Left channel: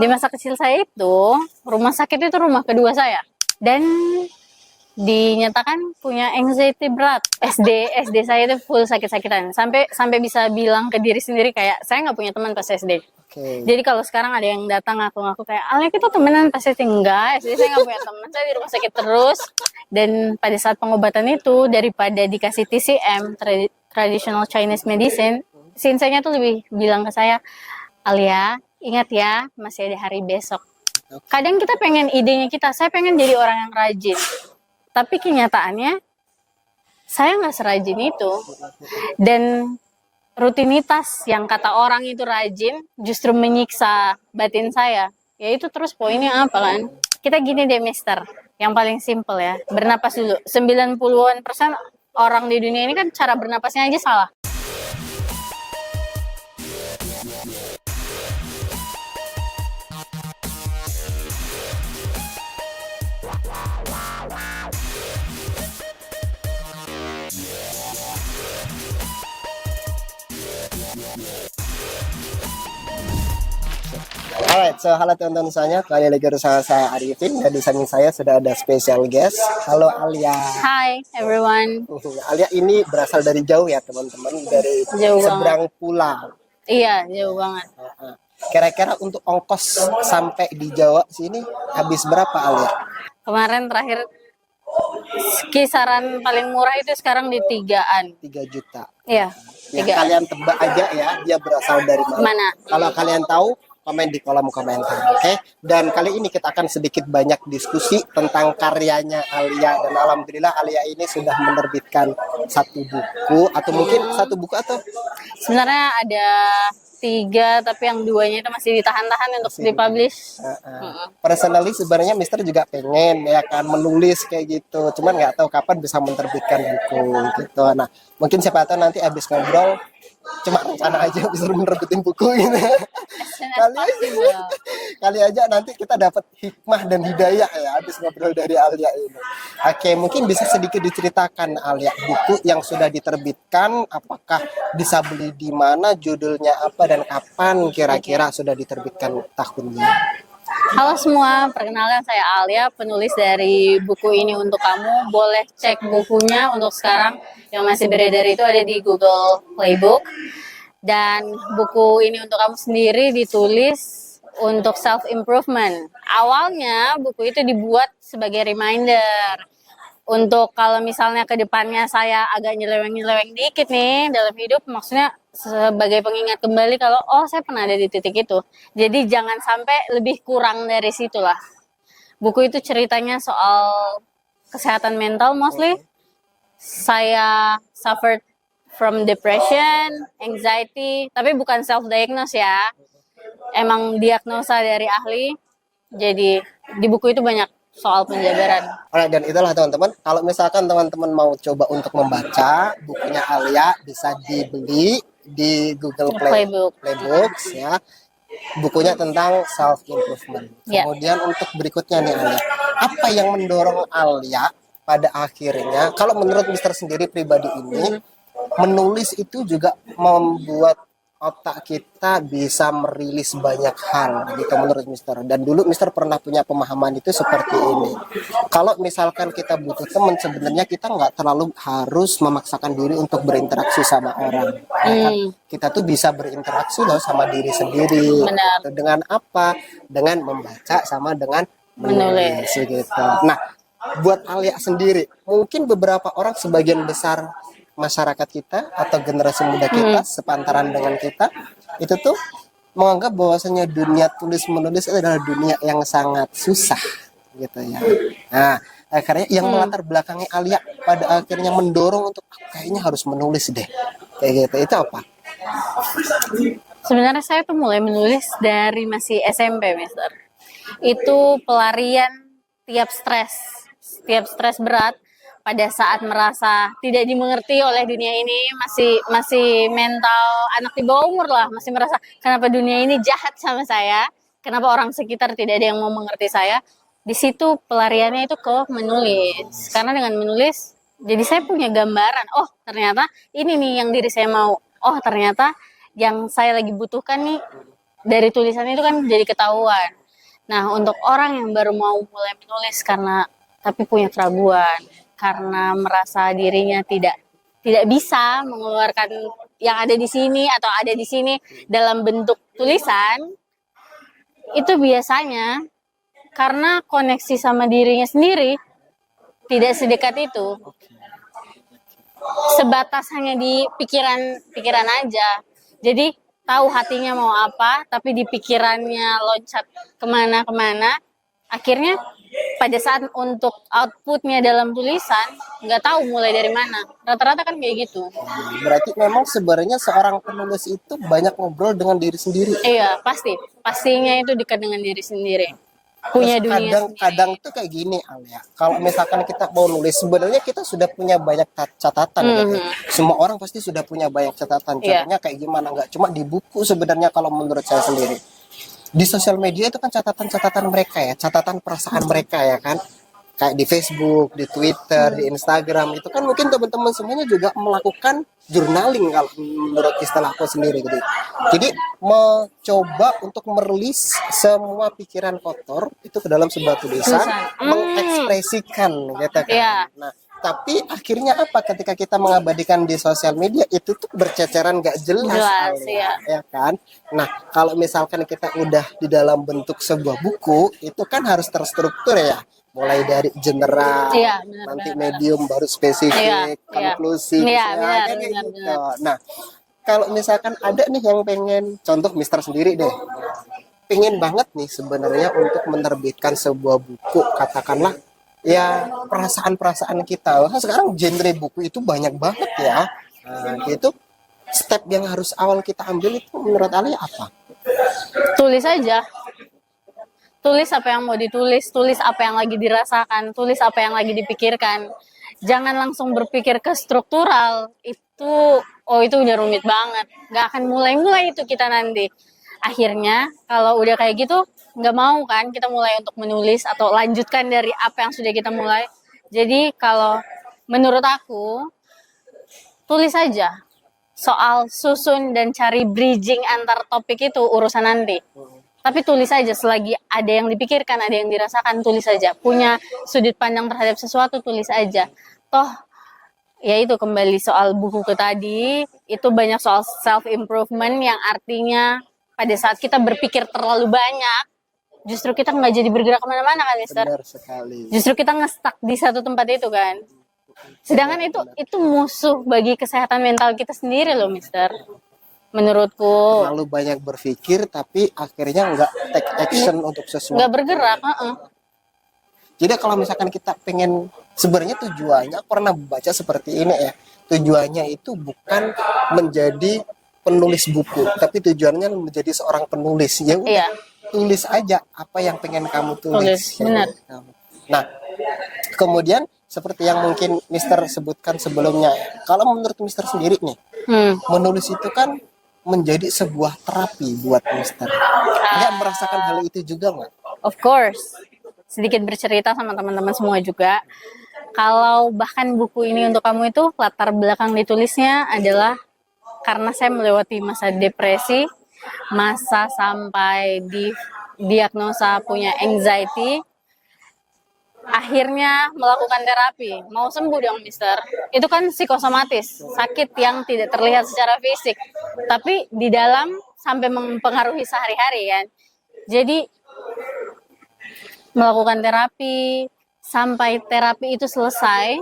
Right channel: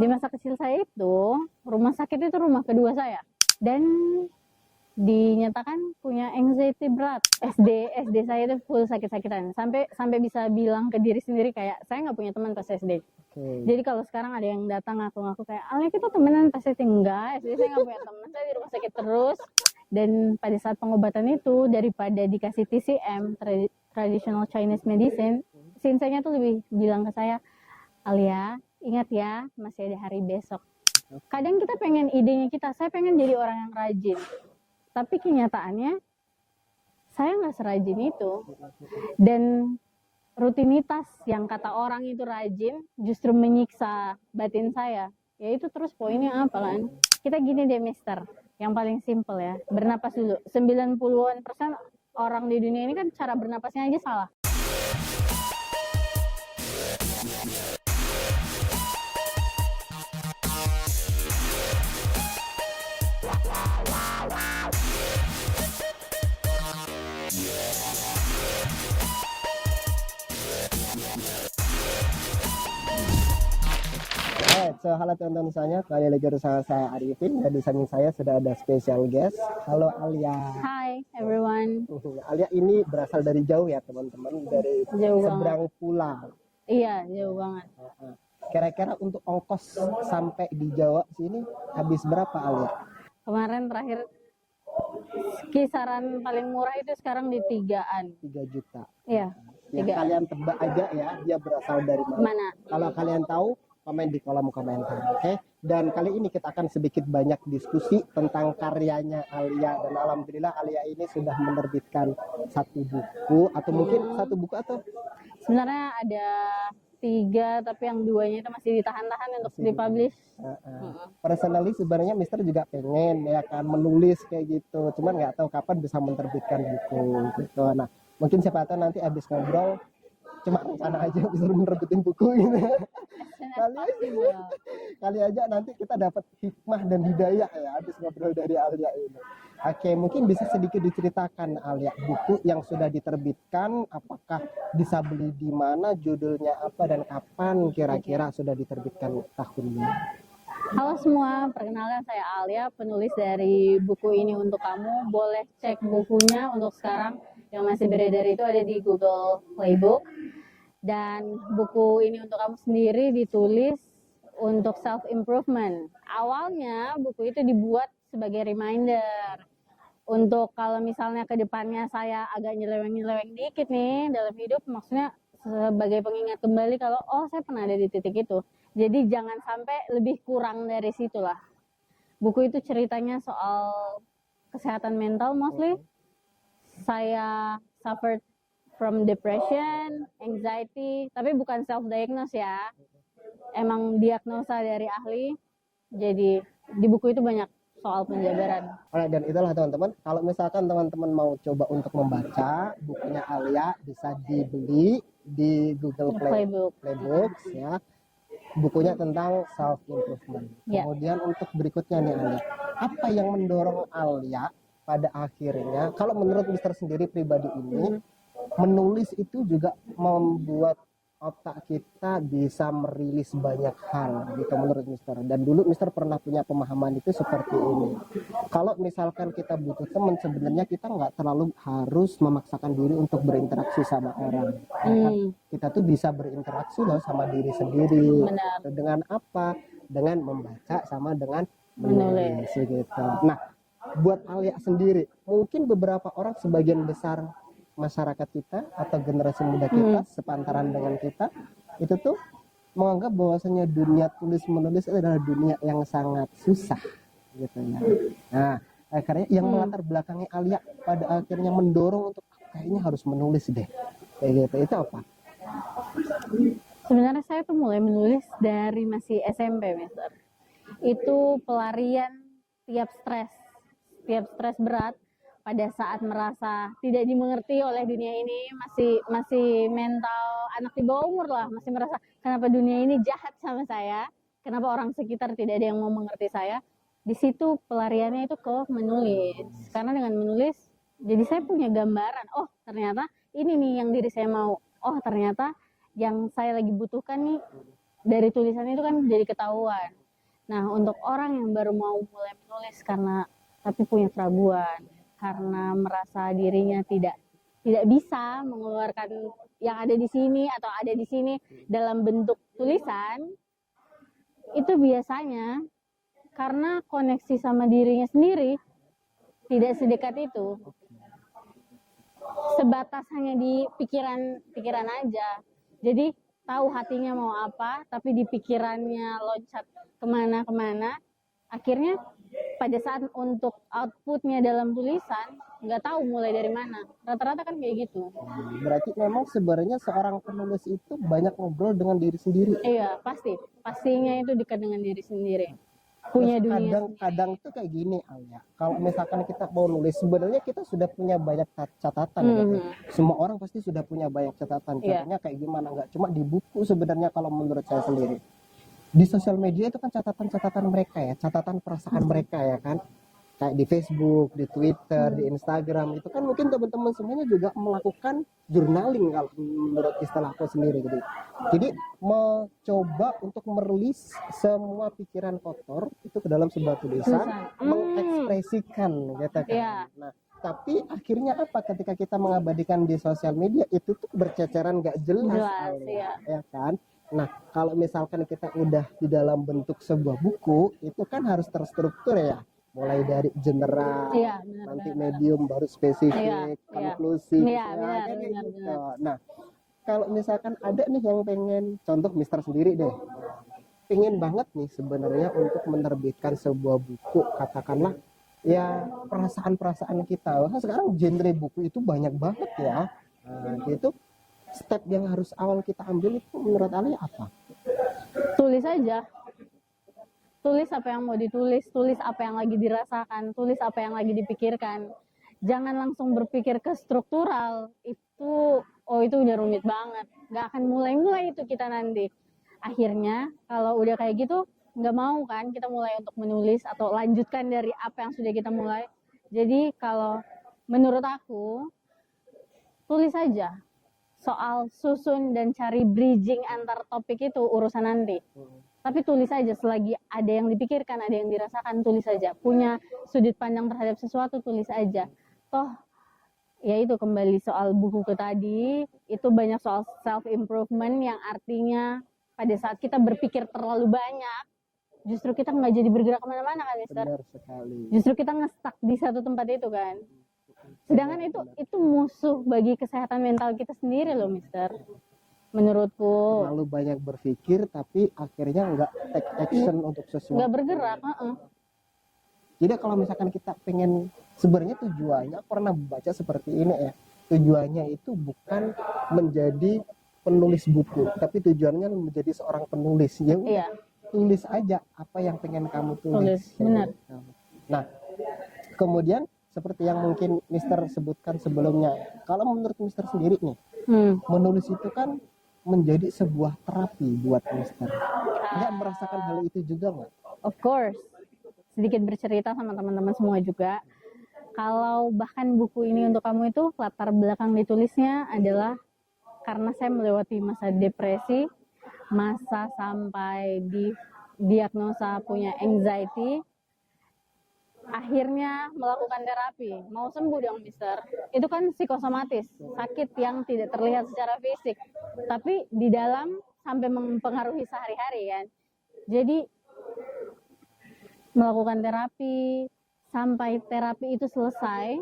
Di masa kecil saya itu, rumah sakit itu rumah kedua saya. Dan dinyatakan punya anxiety berat. SD saya itu full sakit-sakitan. Sampai bisa bilang ke diri sendiri kayak saya nggak punya teman pas SD. Oke. Jadi kalau sekarang ada yang datang ngaku-ngaku kayak Alia kita temenan pas SD, enggak. SD saya nggak punya teman, saya di rumah sakit terus. Dan pada saat pengobatan itu daripada dikasih TCM traditional Chinese medicine, sinsanya tuh lebih bilang ke saya, Alia ingat ya masih ada hari besok. Kadang kita pengen idenya kita, saya pengen jadi orang yang rajin. Tapi kenyataannya saya nggak serajin itu. Dan rutinitas yang kata orang itu rajin justru menyiksa batin saya. Ya itu terus poinnya apa kan? Kita gini deh mister, yang paling simple ya. Bernapas dulu. 90% orang di dunia ini kan cara bernapasnya aja salah. Alright, so halo teman-teman semuanya, kembali lagi bersama saya Arifin dan di samping saya sudah ada special guest. Halo Alia. Hi everyone. Alia ini berasal dari jauh ya teman-teman, dari Jauh seberang pulau. Iya, jauh banget. Kira-kira untuk ongkos sampai di Jawa sini habis berapa Alia? Kemarin terakhir kisaran paling murah itu sekarang di 3-an. 3 juta. Iya, Ya, 3-an. kalian tebak aja ya, dia berasal dari mana. Mana? Kalau kalian tahu, komen di kolom komentar, oke? Dan kali ini kita akan sedikit banyak diskusi tentang karyanya Alia. Dan alhamdulillah Alia ini sudah menerbitkan satu buku, atau mungkin satu buku atau Sebenarnya ada 3, tapi yang 2-nya itu masih ditahan-tahan untuk dipublish. personally sebenarnya Mister juga pengen ya kan menulis kayak gitu, cuman nggak tahu kapan bisa menerbitkan buku gitu. Nah mungkin siapa tahu nanti abis ngobrol cuma rencana aja bisa menerbitin buku gitu. Kali aja nanti kita dapat hikmah dan hidayah ya habis ngobrol dari Alia ini. Oke, mungkin bisa sedikit diceritakan Alia, buku yang sudah diterbitkan, apakah bisa beli di mana, judulnya apa, dan kapan kira-kira sudah diterbitkan tahunnya. Halo semua, perkenalkan saya Alia, penulis dari buku ini untuk kamu. Boleh cek bukunya untuk sekarang yang masih beredar itu ada di Google Playbook. Dan buku ini untuk kamu sendiri ditulis untuk self improvement. Awalnya buku itu dibuat sebagai reminder untuk kalau misalnya ke depannya saya agak nyeleweng-nyeleweng dikit nih dalam hidup, maksudnya sebagai pengingat kembali kalau oh saya pernah ada di titik itu. Jadi jangan sampai lebih kurang dari situ lah. Buku itu ceritanya soal kesehatan mental mostly. Saya suffered from depression, anxiety, tapi bukan self-diagnose ya. Emang diagnosa dari ahli. Jadi di buku itu banyak soal penjabaran. Alright, dan itulah teman-teman, kalau misalkan teman-teman mau coba untuk membaca bukunya Alia, bisa dibeli di Google Playbooks ya. Bukunya tentang self improvement. Kemudian untuk berikutnya nih Alia, apa yang mendorong Alia pada akhirnya, kalau menurut Mister sendiri pribadi ini, menulis itu juga membuat otak kita bisa merilis banyak hal gitu menurut Mister. Dan dulu Mister pernah punya pemahaman itu seperti ini. Kalau misalkan kita butuh teman, sebenarnya kita nggak terlalu harus memaksakan diri untuk berinteraksi sama orang. Kita tuh bisa berinteraksi loh sama diri sendiri. Benar. Dengan apa? Dengan membaca sama dengan menulis gitu. Nah, buat Alia sendiri, mungkin beberapa orang, sebagian besar masyarakat kita atau generasi muda kita sepantaran dengan kita itu tuh menganggap bahwasanya dunia tulis menulis itu adalah dunia yang sangat susah gitu ya. Nah akhirnya yang melatar belakangnya Alia pada akhirnya mendorong untuk kayaknya harus menulis deh kayak gitu, itu apa? Sebenarnya saya tuh mulai menulis dari masih SMP, Mister. Itu pelarian tiap stres berat. Pada saat merasa tidak dimengerti oleh dunia ini, masih mental anak di bawah umur lah, masih merasa kenapa dunia ini jahat sama saya, kenapa orang sekitar tidak ada yang mau mengerti saya. Di situ pelariannya itu ke menulis, karena dengan menulis jadi saya punya gambaran, oh ternyata ini nih yang diri saya mau, oh ternyata yang saya lagi butuhkan nih dari tulisan itu kan jadi ketahuan. Nah, untuk orang yang baru mau mulai menulis tapi punya keraguan, karena merasa dirinya tidak bisa mengeluarkan yang ada di sini atau ada di sini dalam bentuk tulisan, itu biasanya karena koneksi sama dirinya sendiri tidak sedekat itu. Sebatas hanya di pikiran aja. Jadi tahu hatinya mau apa, tapi di pikirannya loncat kemana-kemana. Akhirnya pada saat untuk outputnya dalam tulisan, nggak tahu mulai dari mana. Rata-rata kan kayak gitu. Berarti memang sebenarnya seorang penulis itu banyak ngobrol dengan diri sendiri. Iya, pasti. Pastinya itu dekat dengan diri sendiri. Punya dunia kadang tuh kayak gini Alia, kalau misalkan kita mau nulis sebenarnya kita sudah punya banyak catatan gitu. Semua orang pasti sudah punya banyak catatan. Contohnya kayak gimana, nggak cuma di buku sebenarnya, kalau menurut saya sendiri di sosial media itu kan catatan mereka ya, catatan perasaan mereka ya kan, kayak di Facebook, di Twitter, di Instagram, itu kan mungkin teman-teman semuanya juga melakukan journaling kalau menurut istilah aku sendiri gitu. Jadi mencoba untuk merilis semua pikiran kotor itu ke dalam sebuah tulisan, mengekspresikan gitu kan. Yeah. Nah, tapi akhirnya apa ketika kita mengabadikan di sosial media itu tuh berceceran gak jelas ya kan. Nah, kalau misalkan kita udah di dalam bentuk sebuah buku itu kan harus terstruktur ya, mulai dari general, nanti medium, baru spesifik, konklusi, kayak gitu. Nah, kalau misalkan ada nih yang pengen, contoh Mister sendiri deh, pengen banget nih sebenarnya untuk menerbitkan sebuah buku, katakanlah ya perasaan-perasaan kita. Nah, sekarang genre buku itu banyak banget ya. Nah, itu step yang harus awal kita ambil itu menurut Ali apa? Tulis aja. Tulis apa yang mau ditulis, tulis apa yang lagi dirasakan, tulis apa yang lagi dipikirkan. Jangan langsung berpikir ke struktural. Itu udah rumit banget. Gak akan mulai-mulai itu kita nanti. Akhirnya kalau udah kayak gitu, nggak mau kan kita mulai untuk menulis atau lanjutkan dari apa yang sudah kita mulai. Jadi kalau menurut aku, tulis aja. Soal susun dan cari bridging antar topik itu urusan nanti. Tapi tulis aja, selagi ada yang dipikirkan, ada yang dirasakan, tulis aja. Punya sudut pandang terhadap sesuatu, tulis aja. Toh, ya itu kembali soal buku ke tadi, itu banyak soal self-improvement yang artinya pada saat kita berpikir terlalu banyak, justru kita nggak jadi bergerak kemana-mana kan, Mister? Benar sekali. Justru kita nge-stuck di satu tempat itu kan. Sedangkan itu musuh bagi kesehatan mental kita sendiri loh, Mister. Menurutku. Terlalu banyak berpikir tapi akhirnya nggak take action untuk sesuatu. Nggak bergerak. Jadi kalau misalkan kita pengen, sebenarnya tujuannya, aku pernah baca seperti ini ya. Tujuannya itu bukan menjadi penulis buku, tapi tujuannya menjadi seorang penulis. Ya udah, tulis aja apa yang pengen kamu tulis. Benar. Nah, kemudian seperti yang mungkin Mister sebutkan sebelumnya, kalau menurut Mister sendiri nih, menulis itu kan menjadi sebuah terapi buat Mister. Nggak merasakan hal itu juga nggak? Of course. Sedikit bercerita sama teman-teman semua juga. Kalau bahkan buku ini untuk kamu itu latar belakang ditulisnya adalah karena saya melewati masa depresi, masa sampai di diagnosa punya anxiety. Akhirnya melakukan terapi, mau sembuh dong Mister. Itu kan psikosomatis, sakit yang tidak terlihat secara fisik, tapi di dalam sampai mempengaruhi sehari-hari kan. Jadi melakukan terapi, sampai terapi itu selesai,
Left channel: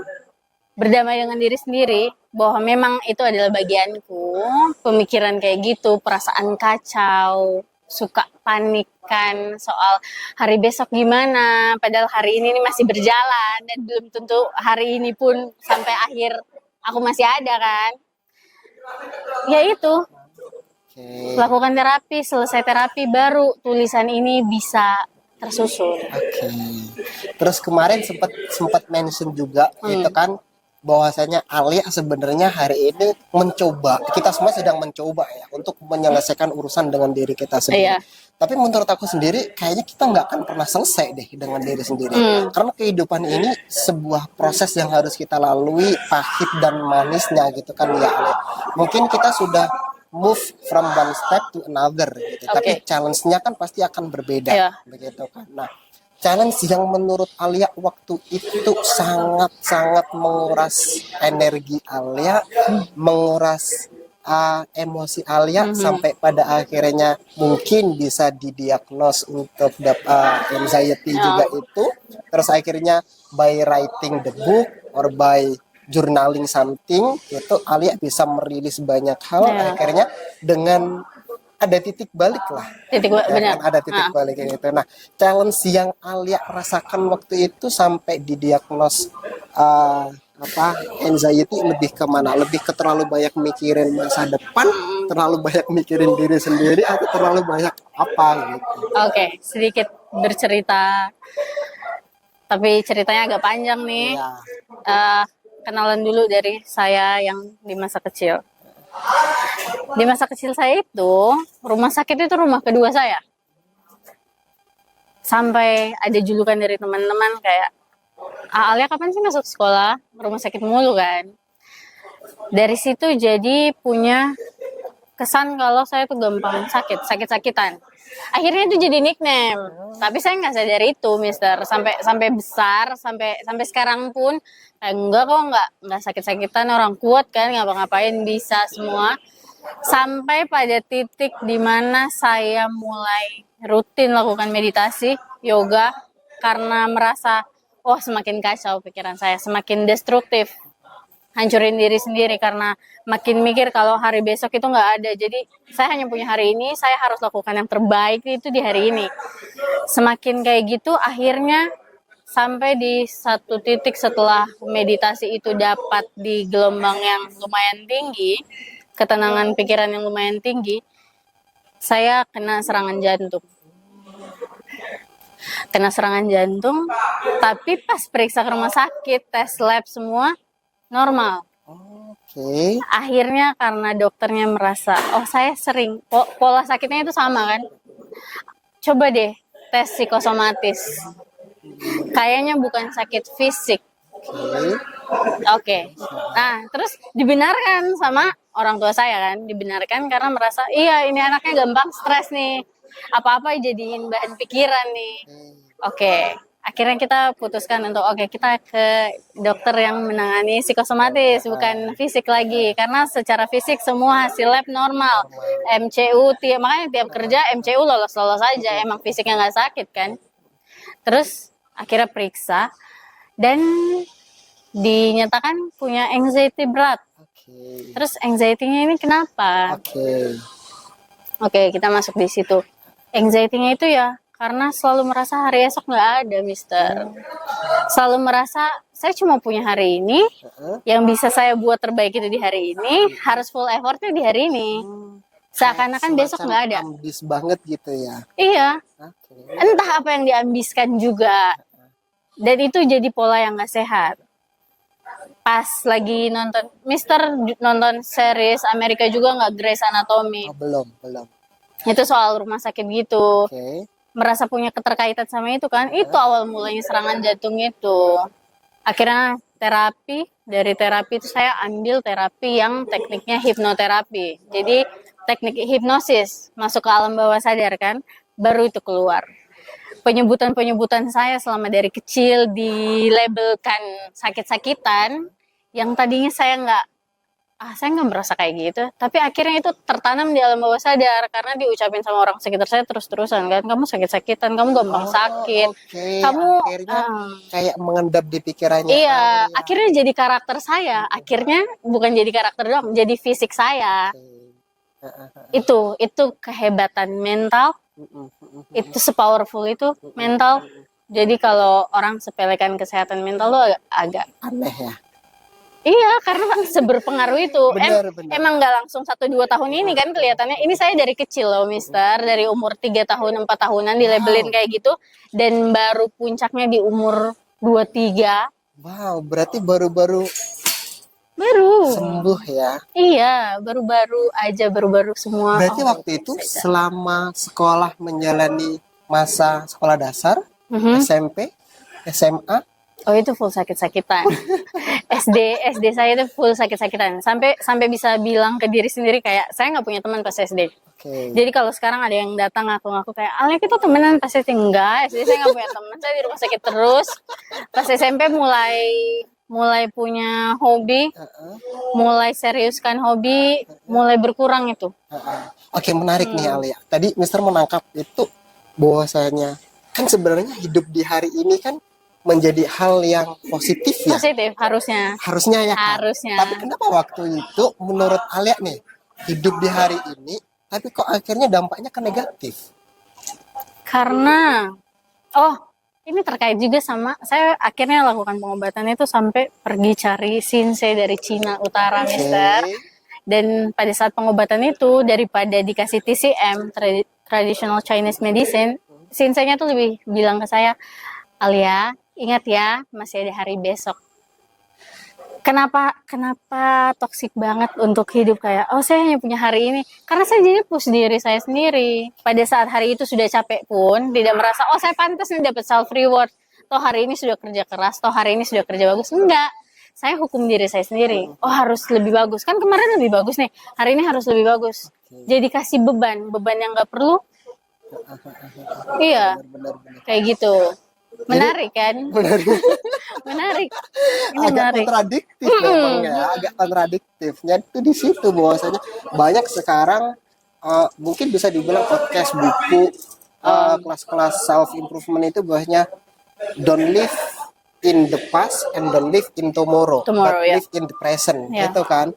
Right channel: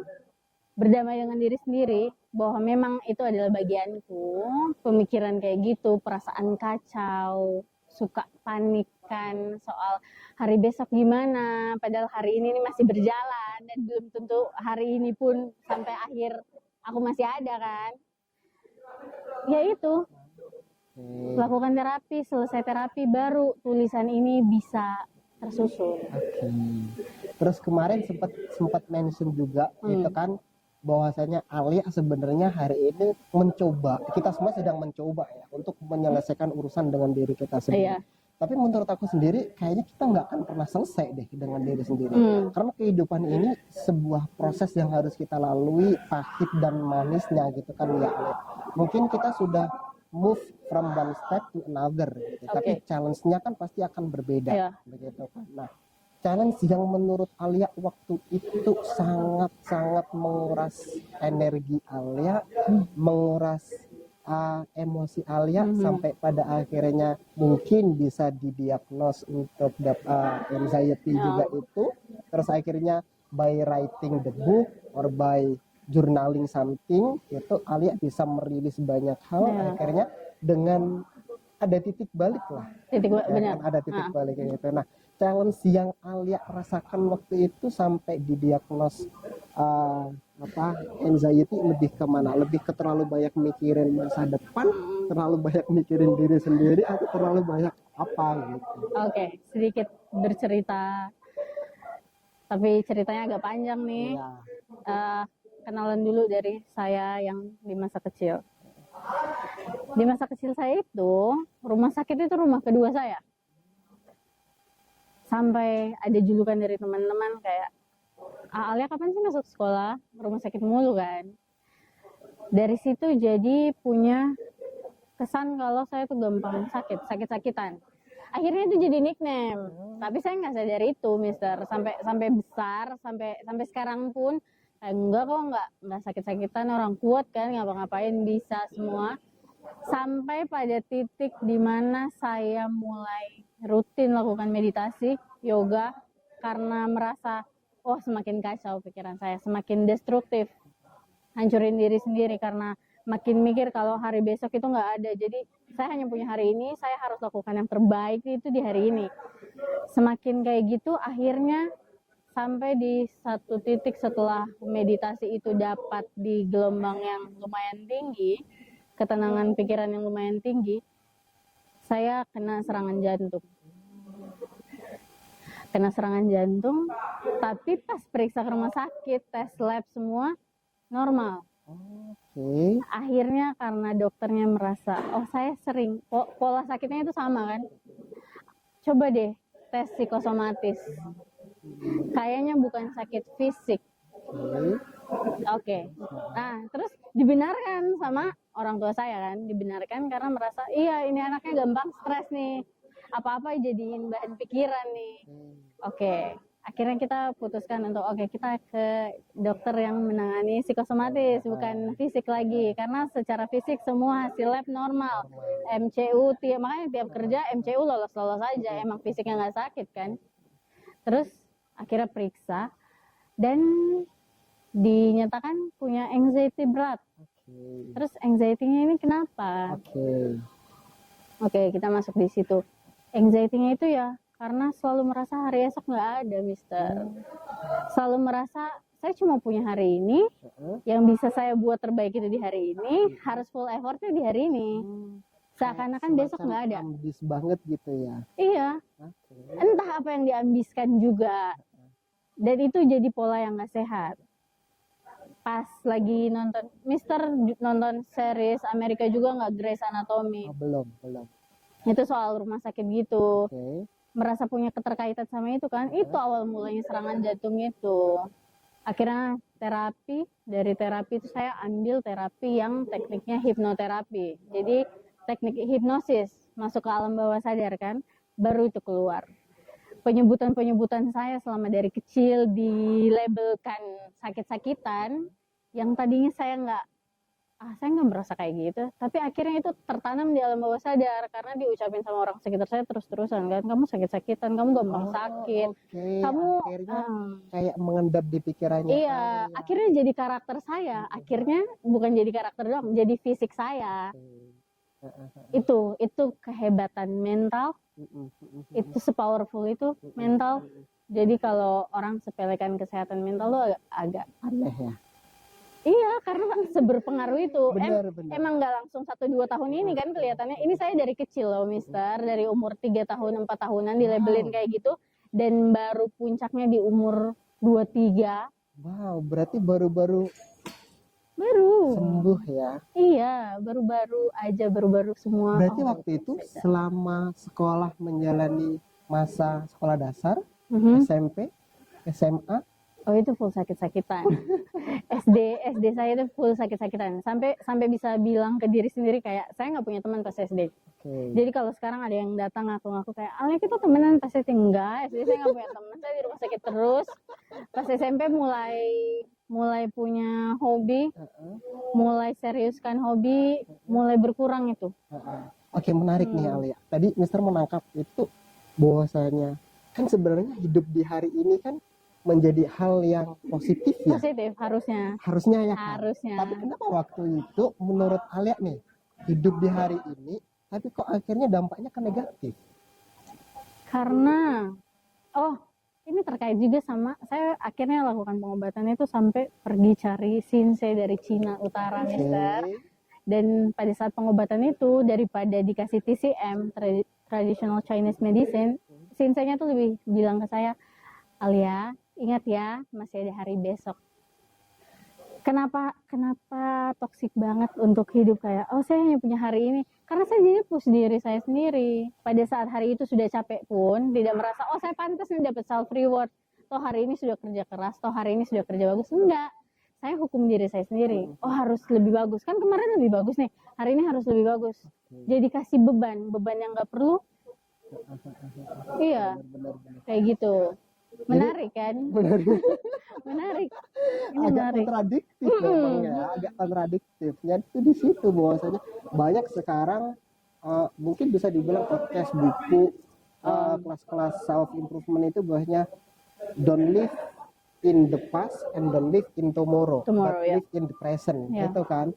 berdamai dengan diri sendiri, bahwa memang itu adalah bagianku, pemikiran kayak gitu, perasaan kacau, suka panikan soal hari besok gimana, padahal hari ini masih berjalan dan belum tentu hari ini pun sampai akhir aku masih ada kan. Ya itu, lakukan terapi, selesai terapi baru tulisan ini bisa tersusun. Terus kemarin sempat mention juga itu kan, bahwasanya Alia sebenarnya hari ini mencoba, kita semua sedang mencoba ya untuk menyelesaikan urusan dengan diri kita sendiri. Tapi menurut aku sendiri kayaknya kita nggak akan pernah selesai deh dengan diri sendiri. Karena kehidupan ini sebuah proses yang harus kita lalui, pahit dan manisnya gitu kan ya Alia. Mungkin kita sudah move from one step to another gitu. Tapi Oke. challenge-nya kan pasti akan berbeda, Iya. begitu kan. Nah, challenge yang menurut Alia waktu itu sangat-sangat menguras energi Alia, menguras emosi Alia sampai pada akhirnya mungkin bisa didiagnos untuk anxiety juga itu. Terus akhirnya by writing the book or by journaling something itu Alia bisa merilis banyak hal. Iya. Akhirnya dengan ada titik balik lah. Benar. Kan ada titik balik itu. Nah, challenge yang Alia rasakan waktu itu sampai didiagnos anxiety lebih kemana? Lebih ke terlalu banyak mikirin masa depan, terlalu banyak mikirin diri sendiri, atau terlalu banyak apa gitu? Oke, sedikit bercerita, tapi ceritanya agak panjang nih. Iya. Kenalan dulu dari saya yang di masa kecil. Di masa kecil saya itu, rumah sakit itu rumah kedua saya. Sampai ada julukan dari teman-teman kayak, Alia kapan sih masuk sekolah? Rumah sakit mulu kan. Dari situ jadi punya kesan kalau saya tuh gampang sakit-sakitan. Akhirnya itu jadi nickname. Tapi saya nggak sadar itu, Mister. Sampai besar, sampai sekarang pun enggak kok, nggak sakit-sakitan, orang kuat kan, ngapa-ngapain bisa semua. Sampai pada titik dimana saya mulai rutin lakukan meditasi, yoga, karena merasa, semakin kacau pikiran saya, semakin destruktif, hancurin diri sendiri karena makin mikir kalau hari besok itu nggak ada. Jadi saya hanya punya hari ini, saya harus lakukan yang terbaik itu di hari ini. Semakin kayak gitu, akhirnya sampai di satu titik setelah meditasi itu dapat di gelombang yang lumayan tinggi, ketenangan pikiran yang lumayan tinggi, saya kena serangan jantung. Tapi pas periksa ke rumah sakit, tes lab semua normal. Oke. Akhirnya karena dokternya merasa, saya sering, pola sakitnya itu sama kan, coba deh tes psikosomatis. Kayaknya bukan sakit fisik. Oke. Nah, terus dibenarkan sama orang tua saya kan, dibenarkan karena merasa, iya ini anaknya gampang stres nih, apa-apa jadiin bahan pikiran nih. Oke. Akhirnya kita putuskan untuk kita ke dokter yang menangani psikosomatis, bukan fisik lagi. Karena secara fisik semua hasil lab normal. MCU, makanya tiap kerja MCU lolos-lolos aja, emang fisiknya nggak sakit kan. Terus akhirnya periksa, dan dinyatakan punya anxiety berat. Terus anxiety-nya ini kenapa? Oke, kita masuk di situ. Anxiety-nya itu ya karena selalu merasa hari esok nggak ada, Mister. Selalu merasa saya cuma punya hari ini, yang bisa saya buat terbaik itu di hari ini, harus full effortnya di hari ini. Seakan-akan besok nggak ada. Ambis banget gitu ya. Iya. Entah apa yang diambiskan juga. Dan itu jadi pola yang nggak sehat. Pas lagi nonton, Mister nonton series Amerika juga nggak, Grey's Anatomy? Belum. Itu soal rumah sakit gitu. Merasa punya keterkaitan sama itu kan, itu awal mulanya serangan jantung itu. Akhirnya terapi, dari terapi itu saya ambil terapi yang tekniknya hipnoterapi. Jadi teknik hipnosis, masuk ke alam bawah sadar kan, baru itu keluar. Penyebutan saya selama dari kecil dilabelkan sakit-sakitan, yang tadinya saya nggak merasa kayak gitu, tapi akhirnya itu tertanam di alam bawah sadar karena diucapin sama orang sekitar saya terus-terusan kan, kamu sakit-sakitan, kamu gampang sakit, kamu akhirnya kayak mengendap di pikirannya. Iya, akhirnya jadi karakter saya, akhirnya bukan jadi karakter doang, jadi fisik saya. Itu kehebatan mental, itu sepowerful itu mental. Jadi kalau orang sepelekan kesehatan mental lo agak aneh ya. Iya, karena seberpengaruh itu. Benar. Emang nggak langsung 1-2 tahun ini kan kelihatannya. Ini saya dari kecil loh, Mister. Dari umur 3 tahun, 4 tahunan dilabelin kayak gitu. Dan baru puncaknya di umur 23. Wow, berarti baru sembuh ya. Iya, baru-baru semua. Berarti waktu itu selama sekolah menjalani masa sekolah dasar, SMP, SMA, Oh itu full sakit-sakitan. SD saya itu full sakit-sakitan. Sampai bisa bilang ke diri sendiri kayak saya nggak punya teman pas SD. Oke. Jadi kalau sekarang ada yang datang ngaku-ngaku kayak, Alia kita temenan pas SD, enggak. SD saya nggak punya teman, saya di rumah sakit terus. Pas SMP mulai punya hobi, Heeh, mulai seriuskan hobi, mulai berkurang itu. heeh. Oke, menarik nih Alia. Tadi Mister menangkap itu bahwasanya kan sebenarnya hidup di hari ini kan menjadi hal yang positif ya. Positif harusnya. Harusnya ya kan. Harusnya. Tapi kenapa waktu itu menurut Alia nih hidup di hari ini tapi kok akhirnya dampaknya ke negatif? Karena ini terkait juga sama saya akhirnya lakukan pengobatan itu sampai pergi cari Shinsei dari Cina Utara, Mister. Oke. Dan pada saat pengobatan itu daripada dikasih TCM, Traditional Chinese Medicine, Shinsei-nya tuh lebih bilang ke saya, Alia, ingat ya, masih ada hari besok. Kenapa toksik banget untuk hidup kayak, saya hanya punya hari ini. Karena saya jadi push diri saya sendiri. Pada saat hari itu sudah capek pun, tidak merasa, saya pantas nih dapat self reward. Toh hari ini sudah kerja keras, toh hari ini sudah kerja bagus. Enggak. Saya hukum diri saya sendiri. Harus lebih bagus. Kan kemarin lebih bagus nih. Hari ini harus lebih bagus. Jadi kasih beban yang nggak perlu. Iya, Benar. kayak gitu. Menarik kan? Benar. Menarik. Ini Agak menarik. kontradiktif memang ya, agak kontradiktifnya itu di situ bahwasanya banyak sekarang mungkin bisa dibilang podcast buku kelas-kelas self improvement itu bahwasanya don't live in the past and don't live in tomorrow, but Ya. live in the present Ya. gitu kan.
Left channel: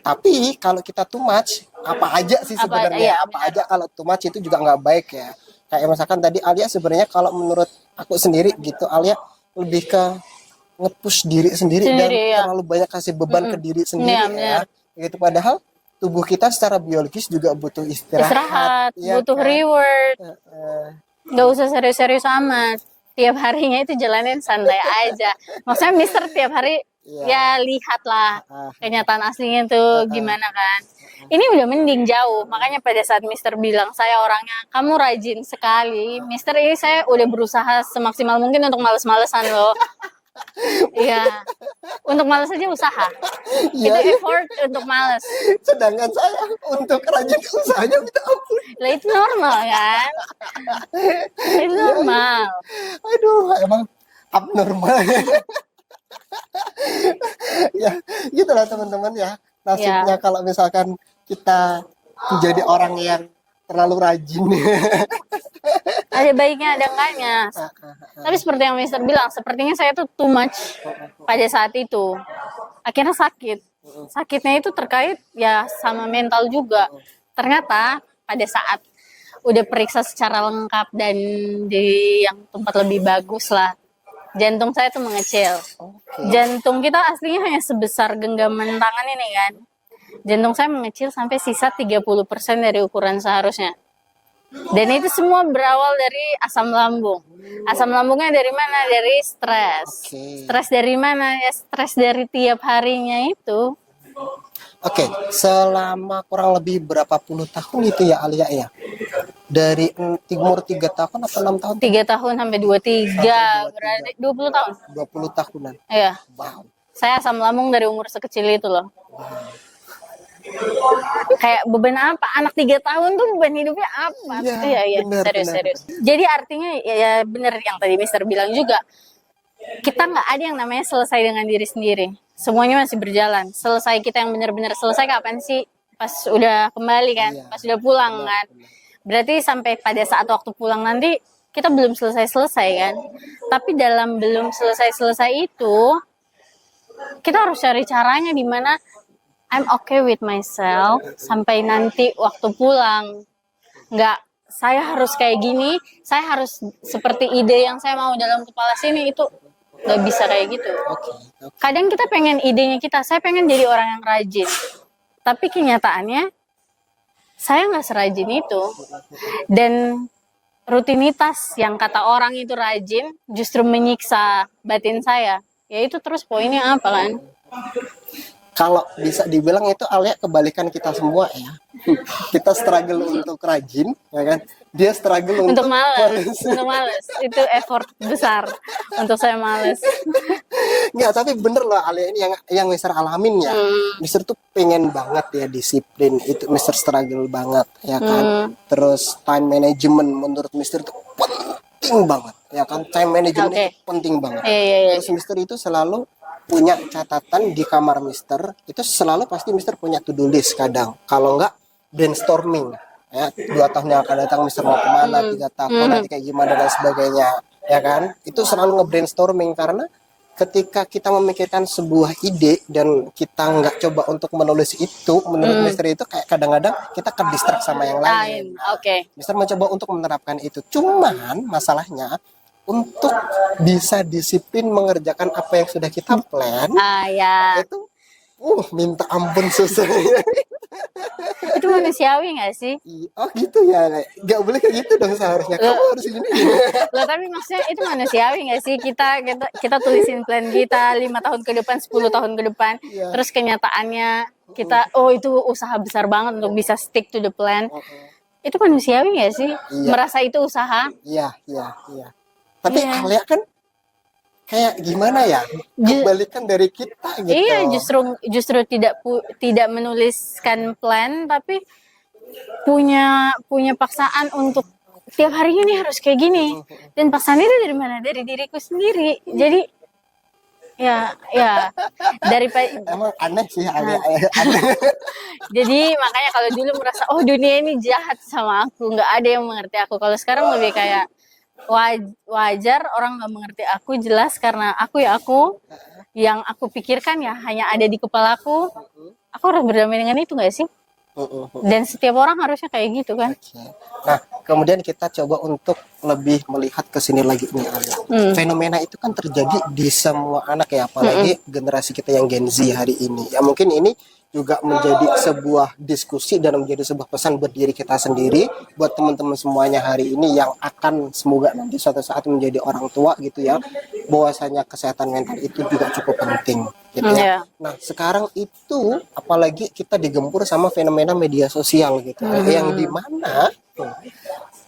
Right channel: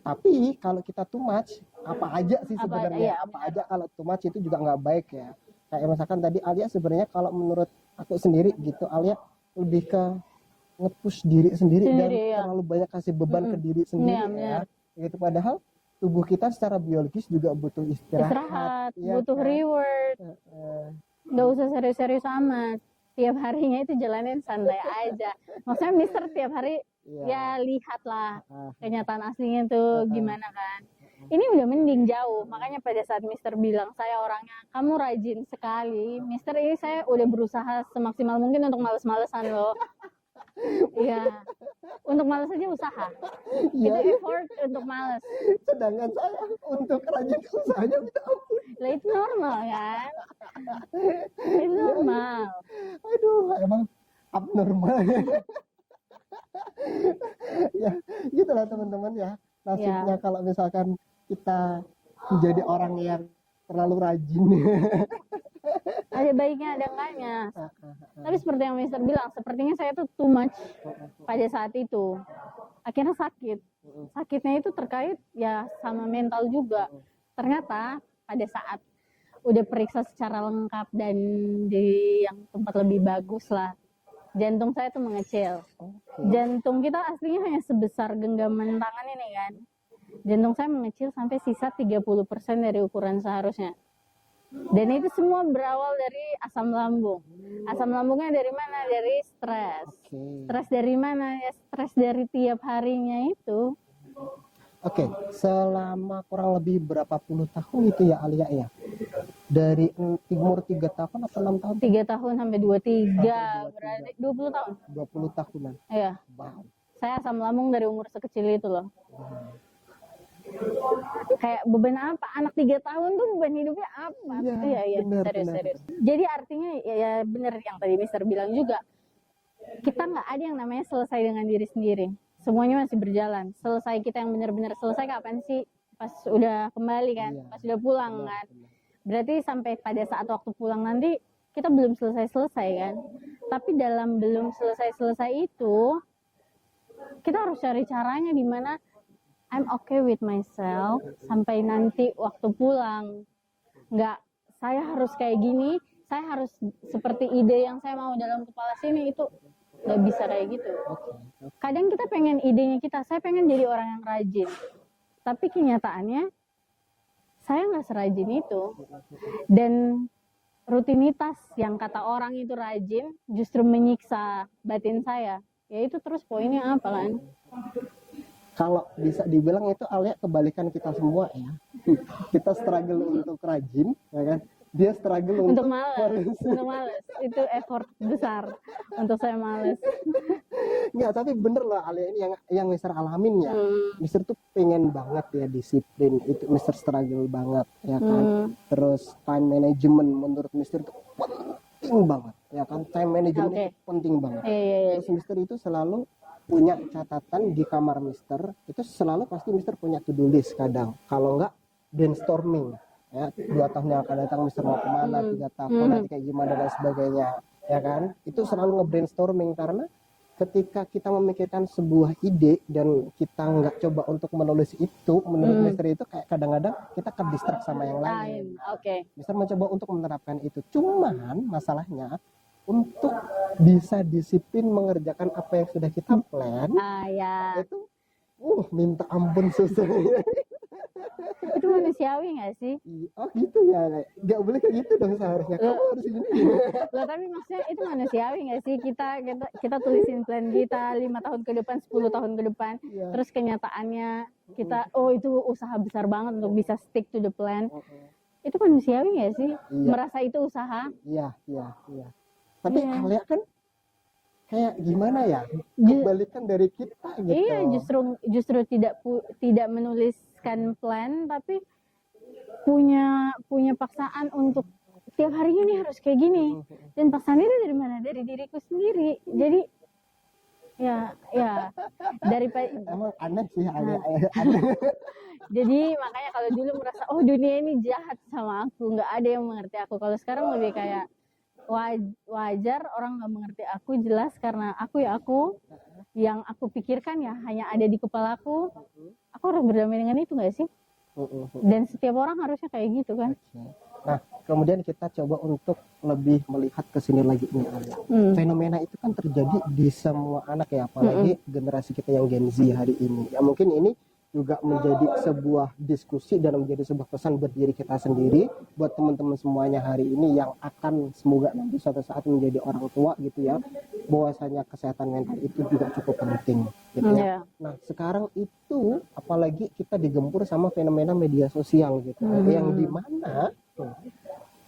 Tapi kalau kita too much apa aja sih sebenarnya, apa aja kalau too much itu juga nggak baik ya. Kayak misalkan tadi Alia sebenarnya kalau menurut aku sendiri gitu, Alia lebih ke nge-push diri sendiri dan ya. terlalu banyak kasih beban ke diri sendiri ya. Gitu padahal tubuh kita secara biologis juga butuh istirahat ya butuh kan? reward. Nggak usah serius-serius amat. Tiap harinya itu jalanin santai aja. Maksudnya Mister tiap hari ya lihatlah kenyataan aslinya tuh gimana kan. Ini udah mending jauh. Makanya pada saat Mister bilang saya orangnya kamu rajin sekali. Mister ini saya udah berusaha semaksimal mungkin untuk males-malesan loh. Iya. Untuk males aja usaha. Iya, Itu effort untuk males. sedangkan saya untuk rajin usahanya minta ampun. Lah itu normal kan? Itu normal. Aduh, emang abnormal. Ya, gitulah teman-teman ya. Nasibnya kalau misalkan kita menjadi orang yang terlalu rajin. Ada baiknya, ada enggaknya. Tapi seperti yang Mister bilang, sepertinya saya tuh too much pada saat itu. Akhirnya sakit. Sakitnya itu terkait ya sama mental juga. Ternyata pada saat udah periksa secara lengkap dan di yang tempat lebih bagus lah, jantung saya tuh mengecil. Jantung kita aslinya hanya sebesar genggaman tangan ini kan. Jantung saya mengecil sampai sisa 30% dari ukuran seharusnya. Dan itu semua berawal dari asam lambung. Asam lambungnya dari mana? Dari stres. Stres dari mana? Ya stres dari tiap harinya itu. Oke, selama kurang lebih berapa puluh tahun itu ya Alia ya? Dari umur 3 tahun atau 6 tahun? 3 tahun sampai 23, berarti 20 tahun. 20 tahunan. Iya. Wow. Saya asam lambung dari umur sekecil itu loh. Kayak beban apa? Anak 3 tahun tuh beban hidupnya apa? Iya, serius. Jadi artinya ya bener yang tadi Mister bilang juga. Kita nggak ada yang namanya selesai dengan diri sendiri. Semuanya masih berjalan. Selesai kita yang benar-benar selesai kapan sih? Pas udah kembali kan? Pas udah pulang kan? Berarti sampai pada saat waktu pulang nanti kita belum selesai kan? Tapi dalam belum selesai itu kita harus cari caranya di mana I'm okay with myself sampai nanti waktu pulang. Nggak, saya harus kayak gini, saya harus seperti ide yang saya mau dalam kepala sini, itu nggak bisa kayak gitu. Kadang kita pengen idenya saya pengen jadi orang yang rajin. Tapi kenyataannya, saya nggak serajin itu. Dan rutinitas yang kata orang itu rajin, justru menyiksa batin saya. Ya itu terus poinnya apa kan? Kalau bisa dibilang itu Alia kebalikan kita semua ya. Kita struggle untuk rajin, ya kan? Dia struggle Untuk males, untuk males. Itu effort besar untuk saya males. Nggak, tapi bener loh Alia ini yang Mister alamin ya. Mister tuh pengen banget ya disiplin, itu Mister struggle banget ya kan. Terus time management menurut Mister tuh penting banget ya kan. Time management itu penting banget. Terus Mister itu selalu punya catatan di kamar Mister, itu selalu pasti Mister punya to-do list kadang. Kalau nggak brainstorming ya, 2 tahun yang akan datang Mister mau kemana, 3 tahun nanti kayak gimana dan sebagainya ya kan. Itu selalu nge-brainstorming karena ketika kita memikirkan sebuah ide dan kita nggak coba untuk menulis itu, menurut Mister itu kayak kadang-kadang kita ke-distract sama yang lain. Mister mencoba untuk menerapkan itu. Cuman masalahnya untuk bisa disiplin mengerjakan apa yang sudah kita plan, itu minta ampun susahnya. Itu manusiawi nggak sih? Oh gitu ya, nggak boleh kayak gitu dong seharusnya. Kamu harus ini. Loh, tapi maksudnya itu manusiawi nggak sih? Kita tulisin plan kita 5 tahun ke depan, 10 tahun ke depan. Terus kenyataannya kita, itu usaha besar banget untuk bisa stick to the plan. Itu manusiawi nggak sih? Merasa itu usaha? Iya. Tapi Alia kan kayak gimana ya, kebalikan dari kita gitu. Iya, justru tidak menuliskan plan, tapi punya paksaan untuk tiap harinya nih harus kayak gini. Dan paksaan itu dari mana? Dari diriku sendiri. Jadi ya daripada emang aneh sih aneh. Jadi makanya kalau dulu merasa dunia ini jahat sama aku, nggak ada yang mengerti aku. Kalau sekarang lebih kayak wajar orang nggak mengerti aku, jelas karena aku yang aku pikirkan ya hanya ada di kepalaku. Aku harus berdamai dengan itu nggak sih? Dan setiap orang harusnya kayak gitu kan. Nah, kemudian kita coba untuk lebih melihat ke sini lagi nih Alia. Fenomena itu kan terjadi di semua anak ya, apalagi generasi kita yang Gen Z hari ini. Ya mungkin ini juga menjadi sebuah diskusi dan menjadi sebuah pesan buat diri kita sendiri, buat teman-teman semuanya hari ini yang akan semoga nanti suatu saat menjadi orang tua gitu ya, bahwasanya kesehatan mental itu juga cukup penting gitu ya. Nah sekarang itu apalagi kita digempur sama fenomena media sosial gitu yang dimana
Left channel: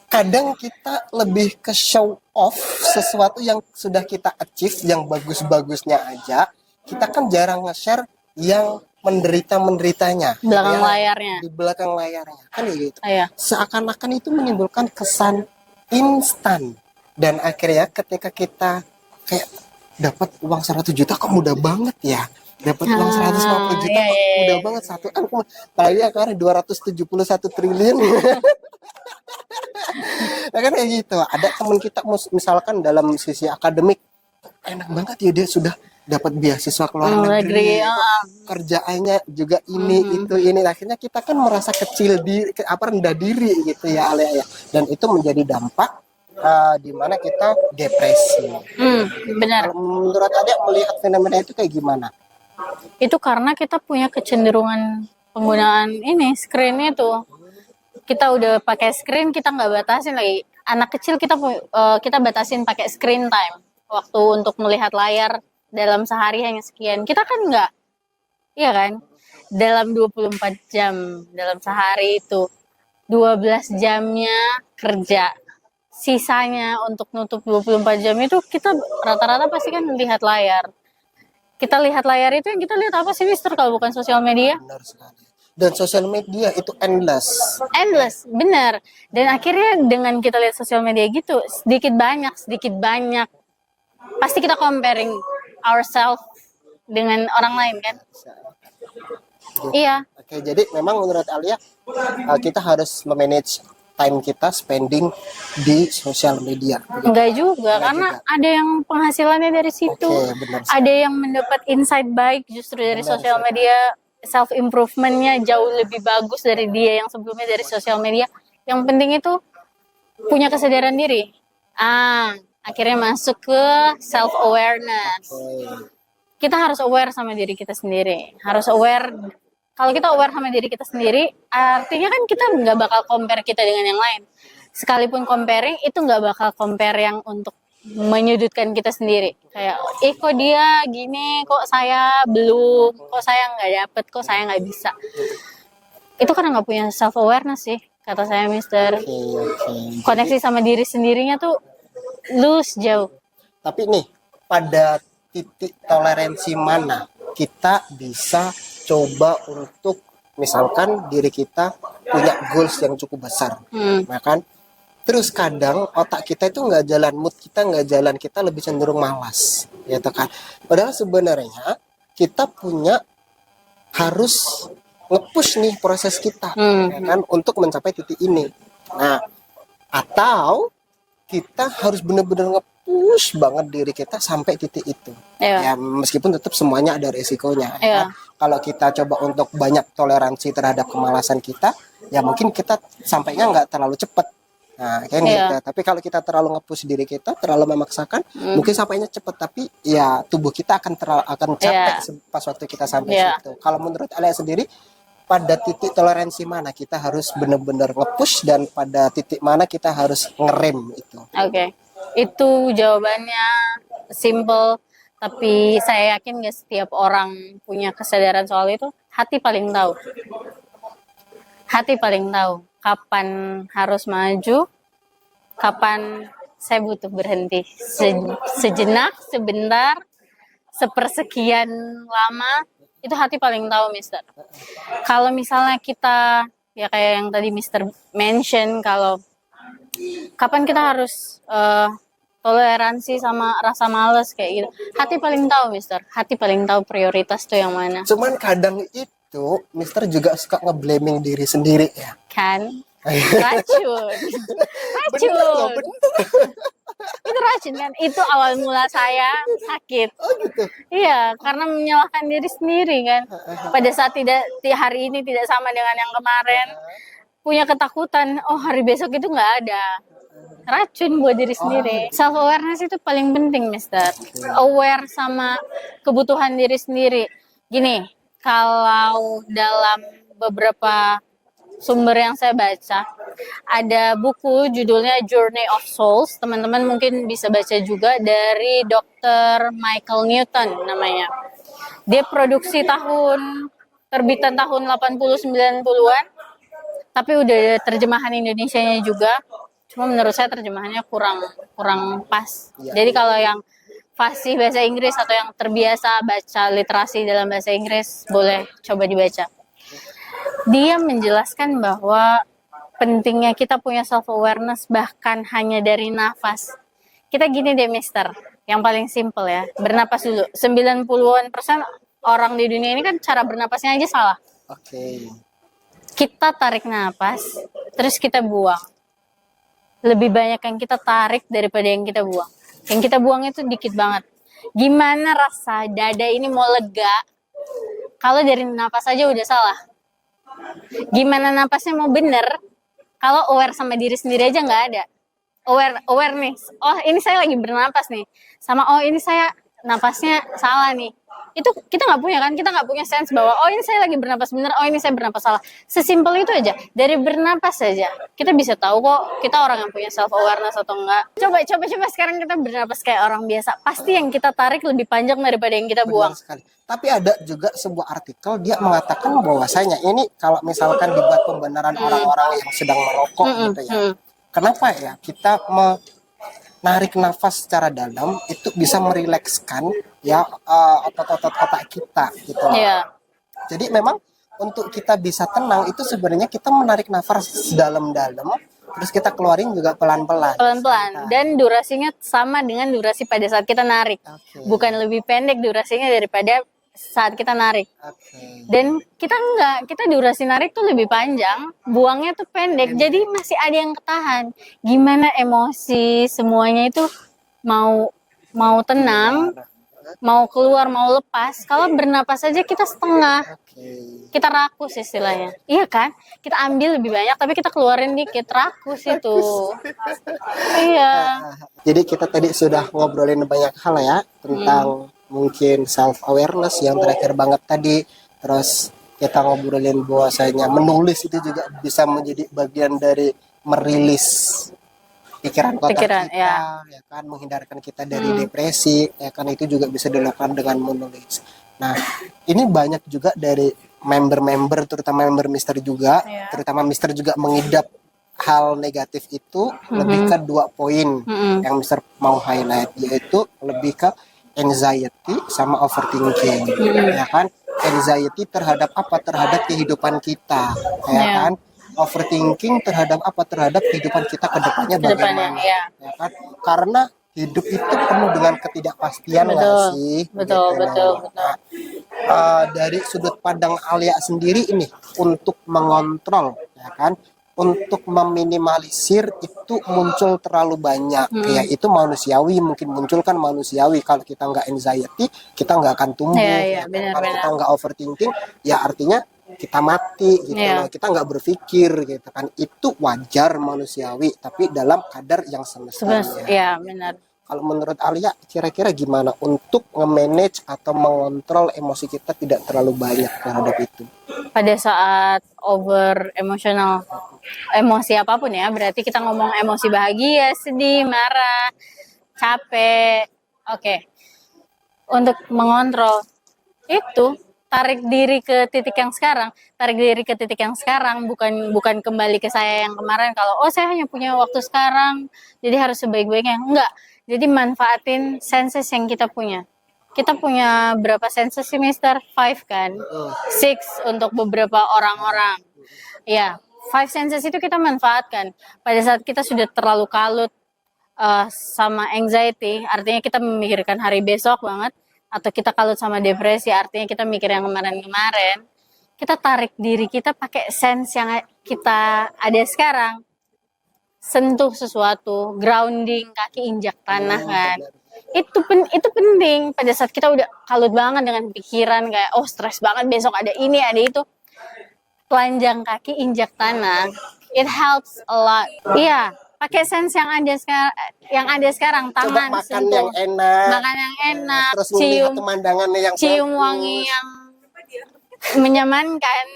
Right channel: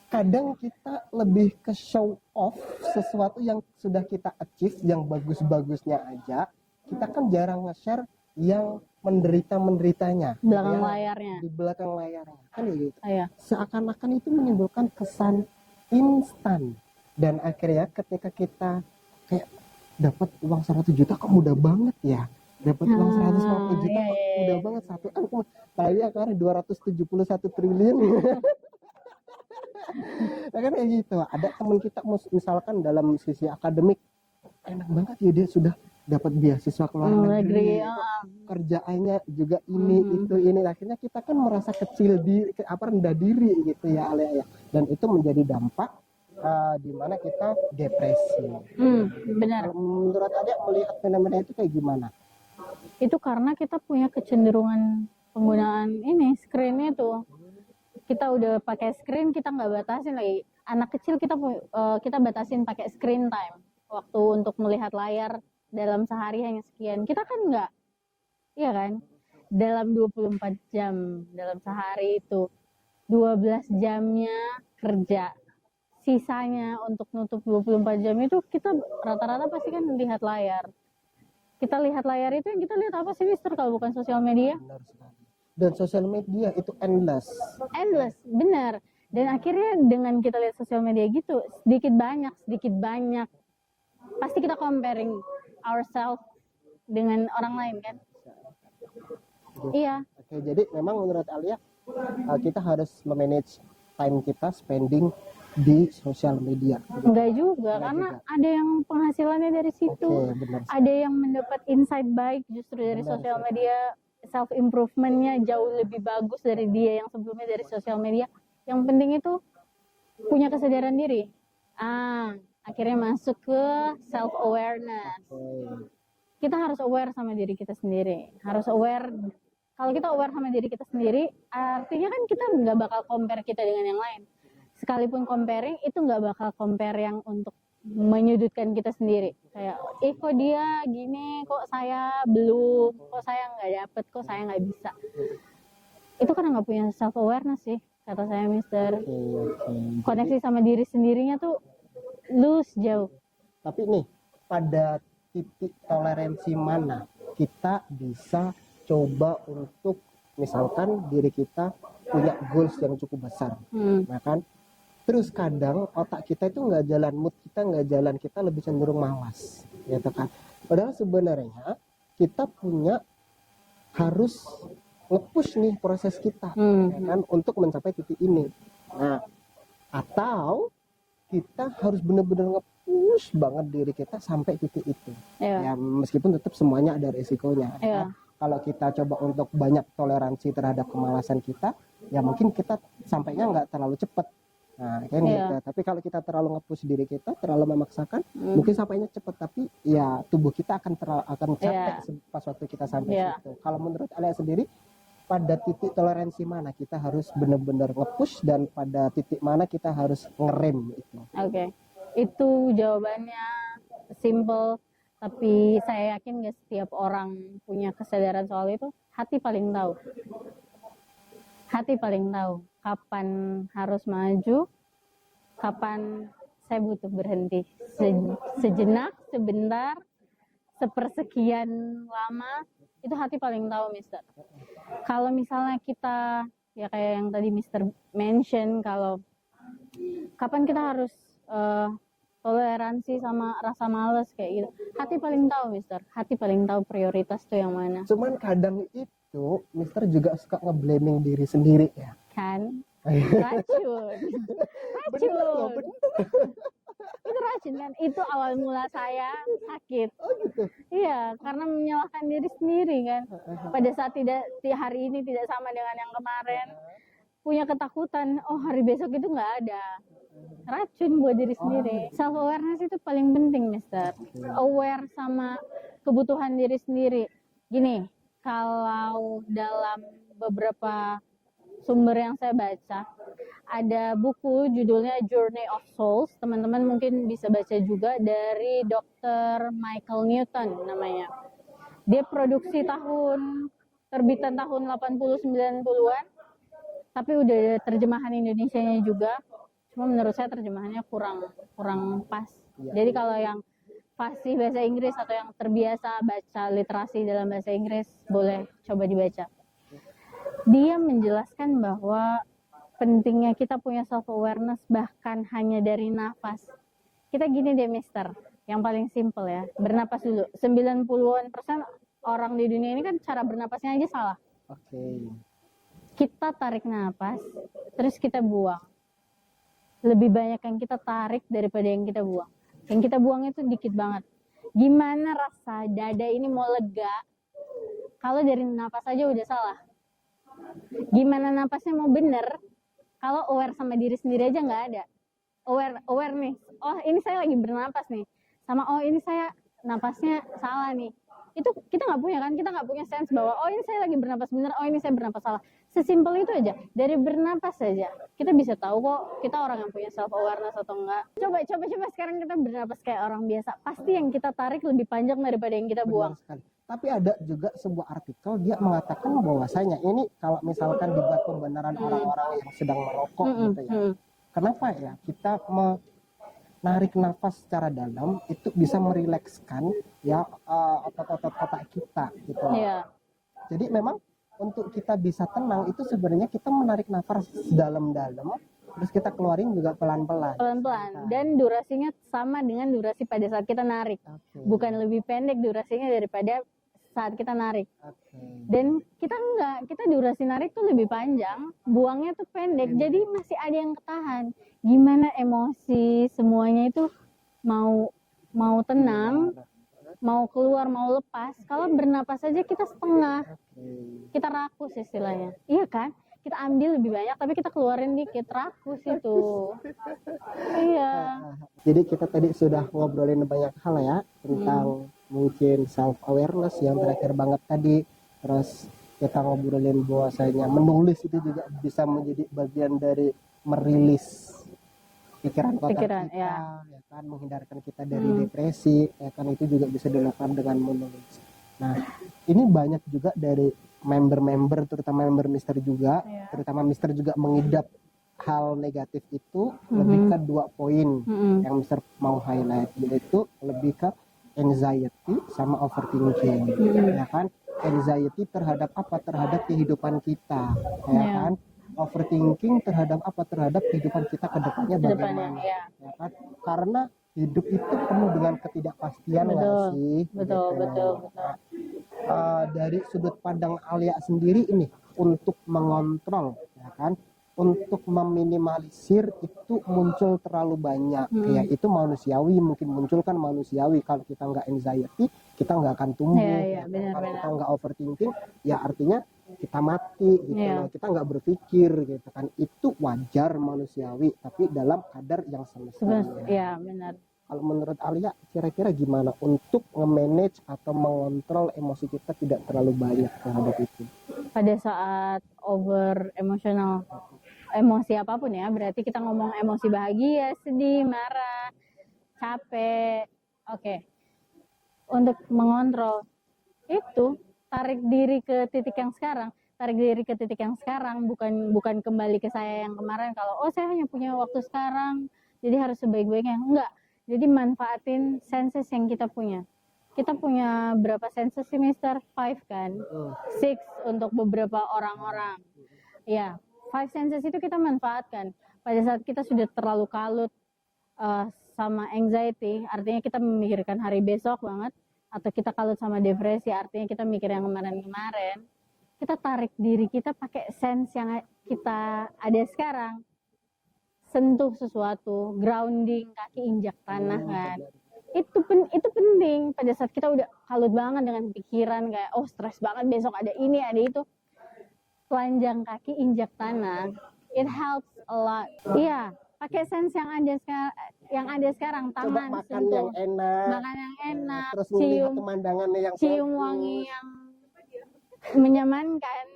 kadang kita lebih ke show off sesuatu yang sudah kita achieve, yang bagus-bagusnya aja. Kita kan jarang nge-share yang menderitanya belakang layarnya, di belakang layarnya kan gitu. Seakan-akan itu menimbulkan kesan instan, dan akhirnya ketika kita kayak dapat uang 100 juta kok mudah banget ya, dapat uang 150 juta kok mudah banget, satu apalagi sekarang 271 triliun. Nah kan kayak gitu. Ada teman kita misalkan dalam sisi akademik enak banget ya, dia sudah dapat beasiswa ke luar negeri, kerjaannya juga ini, akhirnya kita kan merasa kecil diri, rendah diri gitu ya Alia ya, dan itu menjadi dampak di mana kita depresi. Benar. Menurut Alia melihat fenomena itu kayak gimana? Itu karena kita punya kecenderungan penggunaan screen itu. Kita udah pakai screen, kita nggak batasin lagi. Anak kecil kita batasin pakai screen time, waktu untuk melihat layar dalam sehari hanya sekian. Kita kan nggak, iya kan? Dalam 24 jam dalam sehari itu 12 jamnya kerja. Sisanya untuk nutup 24 jam itu kita rata-rata pasti kan lihat layar. Kita lihat layar itu yang kita lihat apa sih, Mister, kalau bukan sosial media? Benar sekali. Dan sosial media itu endless, benar. Dan akhirnya dengan kita lihat sosial media gitu, sedikit banyak pasti kita comparing ourselves dengan orang lain kan. Iya. Oke, jadi memang menurut Alia kita harus memanage time kita spending di sosial media. Enggak juga, karena ada yang penghasilannya dari situ. Ada yang mendapat insight baik justru dari sosial media. Self improvementnya jauh lebih bagus dari dia yang sebelumnya dari sosial media. Yang penting itu punya kesadaran diri. Akhirnya masuk ke self awareness. Kita harus aware sama diri kita sendiri. Harus aware. Kalau kita aware sama diri kita sendiri, artinya kan kita nggak bakal compare kita dengan yang lain. Sekalipun comparing itu nggak bakal compare yang untuk menyudutkan kita sendiri, kayak kok dia gini, kok saya belum, kok saya nggak dapet, kok saya nggak bisa. Itu karena nggak punya self awareness sih, kata saya Mister. Oke. Koneksi sama diri sendirinya tuh lulus jauh. Tapi nih, pada titik toleransi mana kita bisa coba untuk misalkan diri kita punya goals yang cukup besar, nah kan? Terus kadang otak kita itu nggak jalan, mood kita nggak jalan, kita lebih cenderung malas, gitu kan? Padahal sebenarnya kita punya harus nge-push nih proses kita, ya kan, untuk mencapai titik ini. Nah, atau kita harus benar-benar nge-push banget diri kita sampai titik itu. Ya meskipun tetap semuanya ada resikonya. Ya. Kalau kita coba untuk banyak toleransi terhadap kemalasan kita, ya mungkin kita sampainya nggak terlalu cepat. Nah, kayak gitu. Tapi kalau kita terlalu nge-push diri kita, terlalu memaksakan, mungkin sampainya cepat, tapi ya tubuh kita akan capek pas waktu kita sampai situ. Kalau menurut Alia sendiri, pada titik toleransi mana kita harus benar-benar nge-push dan pada titik mana kita harus ngerem itu? Oke. Itu jawabannya simple, tapi saya yakin gak setiap orang punya kesadaran soal itu. Hati paling tahu. Hati paling tahu kapan harus maju, kapan saya butuh berhenti. Sejenak, sebentar, sepersekian lama, itu hati paling tahu, Mister. Kalau misalnya kita, ya kayak yang tadi Mister mention, kalau kapan kita harus toleransi sama rasa males kayak gitu. Hati paling tahu, Mister. Hati paling tahu prioritas tuh yang mana. Cuman kadang itu, Mister juga suka nge-blaming diri sendiri ya. Kan? Racun. Racun. Itu racun kan? Itu awal mula saya sakit. Oh gitu? Iya, karena menyalahkan diri sendiri kan. Pada saat hari ini tidak sama dengan yang kemarin. Punya ketakutan, oh hari besok itu nggak ada. Racun buat diri sendiri. Self awareness itu paling penting, Mister. Aware sama kebutuhan diri sendiri. Gini, kalau dalam beberapa sumber yang saya baca, ada buku judulnya Journey of Souls. Teman-teman mungkin bisa baca juga, dari Dr. Michael Newton namanya. Dia produksi terbitan tahun 80-90-an. Tapi udah ada terjemahan Indonesianya juga. Cuma menurut saya terjemahannya kurang pas. Jadi kalau yang fasih bahasa Inggris atau yang terbiasa baca literasi dalam bahasa Inggris, boleh coba dibaca. Dia menjelaskan bahwa pentingnya kita punya self awareness bahkan hanya dari nafas. Kita gini deh, Mister, yang paling simple ya, bernapas dulu. 90% orang di dunia ini kan cara bernapasnya aja salah. Oke. Kita tarik nafas, terus kita buang. Lebih banyak yang kita tarik daripada yang kita buang. Yang kita buang itu dikit banget. Gimana rasa dada ini mau lega kalau dari nafas aja udah salah? Gimana napasnya mau bener kalau aware sama diri sendiri aja nggak ada? Aware nih, oh ini saya lagi bernapas nih, sama oh ini saya napasnya salah nih. Itu kita nggak punya kan, kita nggak punya sense bahwa oh ini saya lagi bernapas bener, oh ini saya bernapas salah. Sesimpel itu aja, dari bernapas saja kita bisa tahu kok kita orang yang punya self awareness atau enggak. Coba sekarang kita bernapas kayak orang biasa, pasti yang kita tarik lebih panjang daripada yang kita buang. Benar sekali. Tapi ada juga sebuah artikel, dia mengatakan bahwasanya ini kalau misalkan dibuat pembenaran orang-orang yang sedang merokok gitu ya. Kenapa ya kita menarik nafas secara dalam itu bisa merilekskan ya otot-otot otak kita gitu. Jadi memang untuk kita bisa tenang itu sebenarnya kita menarik nafas dalam-dalam, terus kita keluarin juga pelan-pelan. Dan durasinya sama dengan durasi pada saat kita narik. Bukan lebih pendek durasinya daripada saat kita narik. Dan kita durasi narik tuh lebih panjang, buangnya tuh pendek. Jadi masih ada yang ketahan. Gimana emosi semuanya itu mau tenang, mau keluar, mau lepas. Kalau bernapas aja kita setengah. Kita rakus istilahnya. Iya kan? Kita ambil lebih banyak tapi kita keluarin dikit, rakus itu. Iya. Jadi kita tadi sudah ngobrolin banyak hal ya tentang mungkin self awareness yang terakhir banget tadi. Terus kita ngobrolin bahwasanya menulis itu juga bisa menjadi bagian dari merilis pikiran kotor kita, ya kan, menghindarkan kita dari depresi, ya kan, itu juga bisa dilakukan dengan menulis. Nah, ini banyak juga dari member-member, terutama member Mister juga, Iya. terutama Mister juga mengidap hal negatif itu lebih ke 2 poin yang Mister mau highlight, yaitu lebih ke anxiety sama overthinking, ya kan? Anxiety terhadap apa? Terhadap kehidupan kita, ya Iya. kan? Overthinking terhadap apa? Terhadap kehidupan kita ke depannya Kedepannya, bagaimana, ya. ya kan? Karena hidup itu penuh dengan ketidakpastian nggak Betul. sih? Betul, Gitu. betul, betul. Nah, dari sudut pandang Alia sendiri ini untuk mengontrol, ya kan, untuk meminimalisir itu muncul terlalu banyak, ya itu manusiawi, mungkin muncul kan manusiawi. Kalau kita nggak anxiety, kita nggak akan tumbuh. Iya, Ya kan? benar, Kalau benar. kita nggak overthinking, ya artinya kita mati gitu Iya. loh. Kita nggak berpikir gitu kan. Itu wajar manusiawi, tapi dalam kadar yang semestinya. Iya, benar. Kalau menurut Alia, kira-kira gimana untuk nge-manage atau mengontrol emosi kita tidak terlalu banyak terhadap itu? Pada saat over emosional, emosi apapun ya, berarti kita ngomong emosi bahagia, sedih, marah, capek. Oke. Untuk mengontrol itu, tarik diri ke titik yang sekarang, bukan kembali ke saya yang kemarin. Kalau saya hanya punya waktu sekarang, jadi harus sebaik-baiknya. Enggak. Jadi manfaatin senses yang kita punya. Kita punya berapa senses sih, Mister? 5 kan? 6 untuk beberapa orang-orang. Ya, 5 senses itu kita manfaatkan. Pada saat kita sudah terlalu kalut sama anxiety, artinya kita memikirkan hari besok banget, atau kita kalut sama depresi, artinya kita mikir yang kemarin-kemarin. Kita tarik diri kita pakai sense yang kita ada sekarang. Sentuh sesuatu, grounding, kaki injak tanah kan. Itu penting pada saat kita udah kalut banget dengan pikiran kayak stres banget besok ada ini ada itu. Telanjang kaki injak tanah, it helps a lot. Iya, pakai sense yang ada sekarang, Coba tangan makan sentuh. yang enak, Makan yang enak, terus melihat pemandangannya yang cium bagus. wangi yang menyamankan.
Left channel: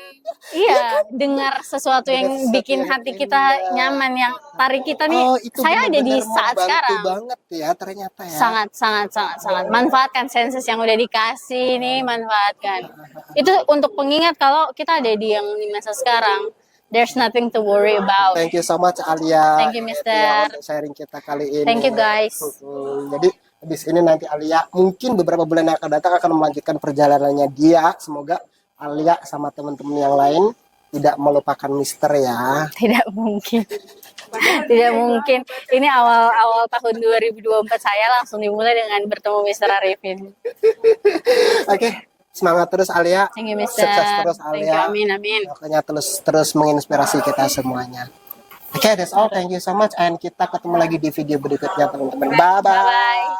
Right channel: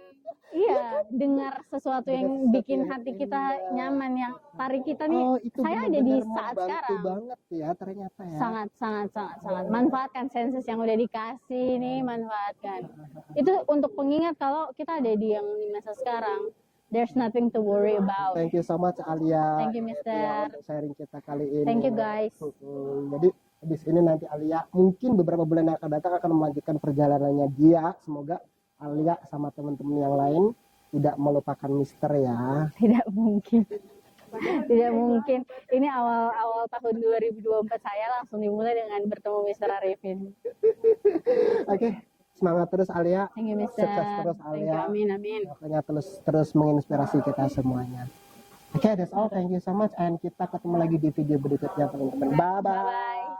Iya, dengar sesuatu yang bikin hati kita nyaman, yang tarik kita nih. Itu Saya ada di benar-benar saat membantu sekarang. banget ya ternyata ya. Sangat. Manfaatkan senses yang udah dikasih nih, manfaatkan. Itu untuk pengingat kalau kita ada di masa sekarang. There's nothing to worry about. Thank you so much Alia. Thank you, Mister. Ya, untuk sharing kita kali ini. Thank you, guys. Jadi habis ini nanti Alia mungkin beberapa bulan yang akan datang akan melanjutkan perjalanannya dia. Semoga Alia sama teman-teman yang lain tidak melupakan Mister ya. Tidak mungkin. Tidak mungkin. Ini awal tahun 2024 saya langsung dimulai dengan bertemu Mister Arifin. Oke, semangat terus Alia. Thank you, Mister. Sukses terus Thank you, Alia. amin. Makanya terus menginspirasi kita semuanya. Oke, that's all. Thank you so much. And kita ketemu lagi di video berikutnya teman-teman. Bye-bye. Bye-bye.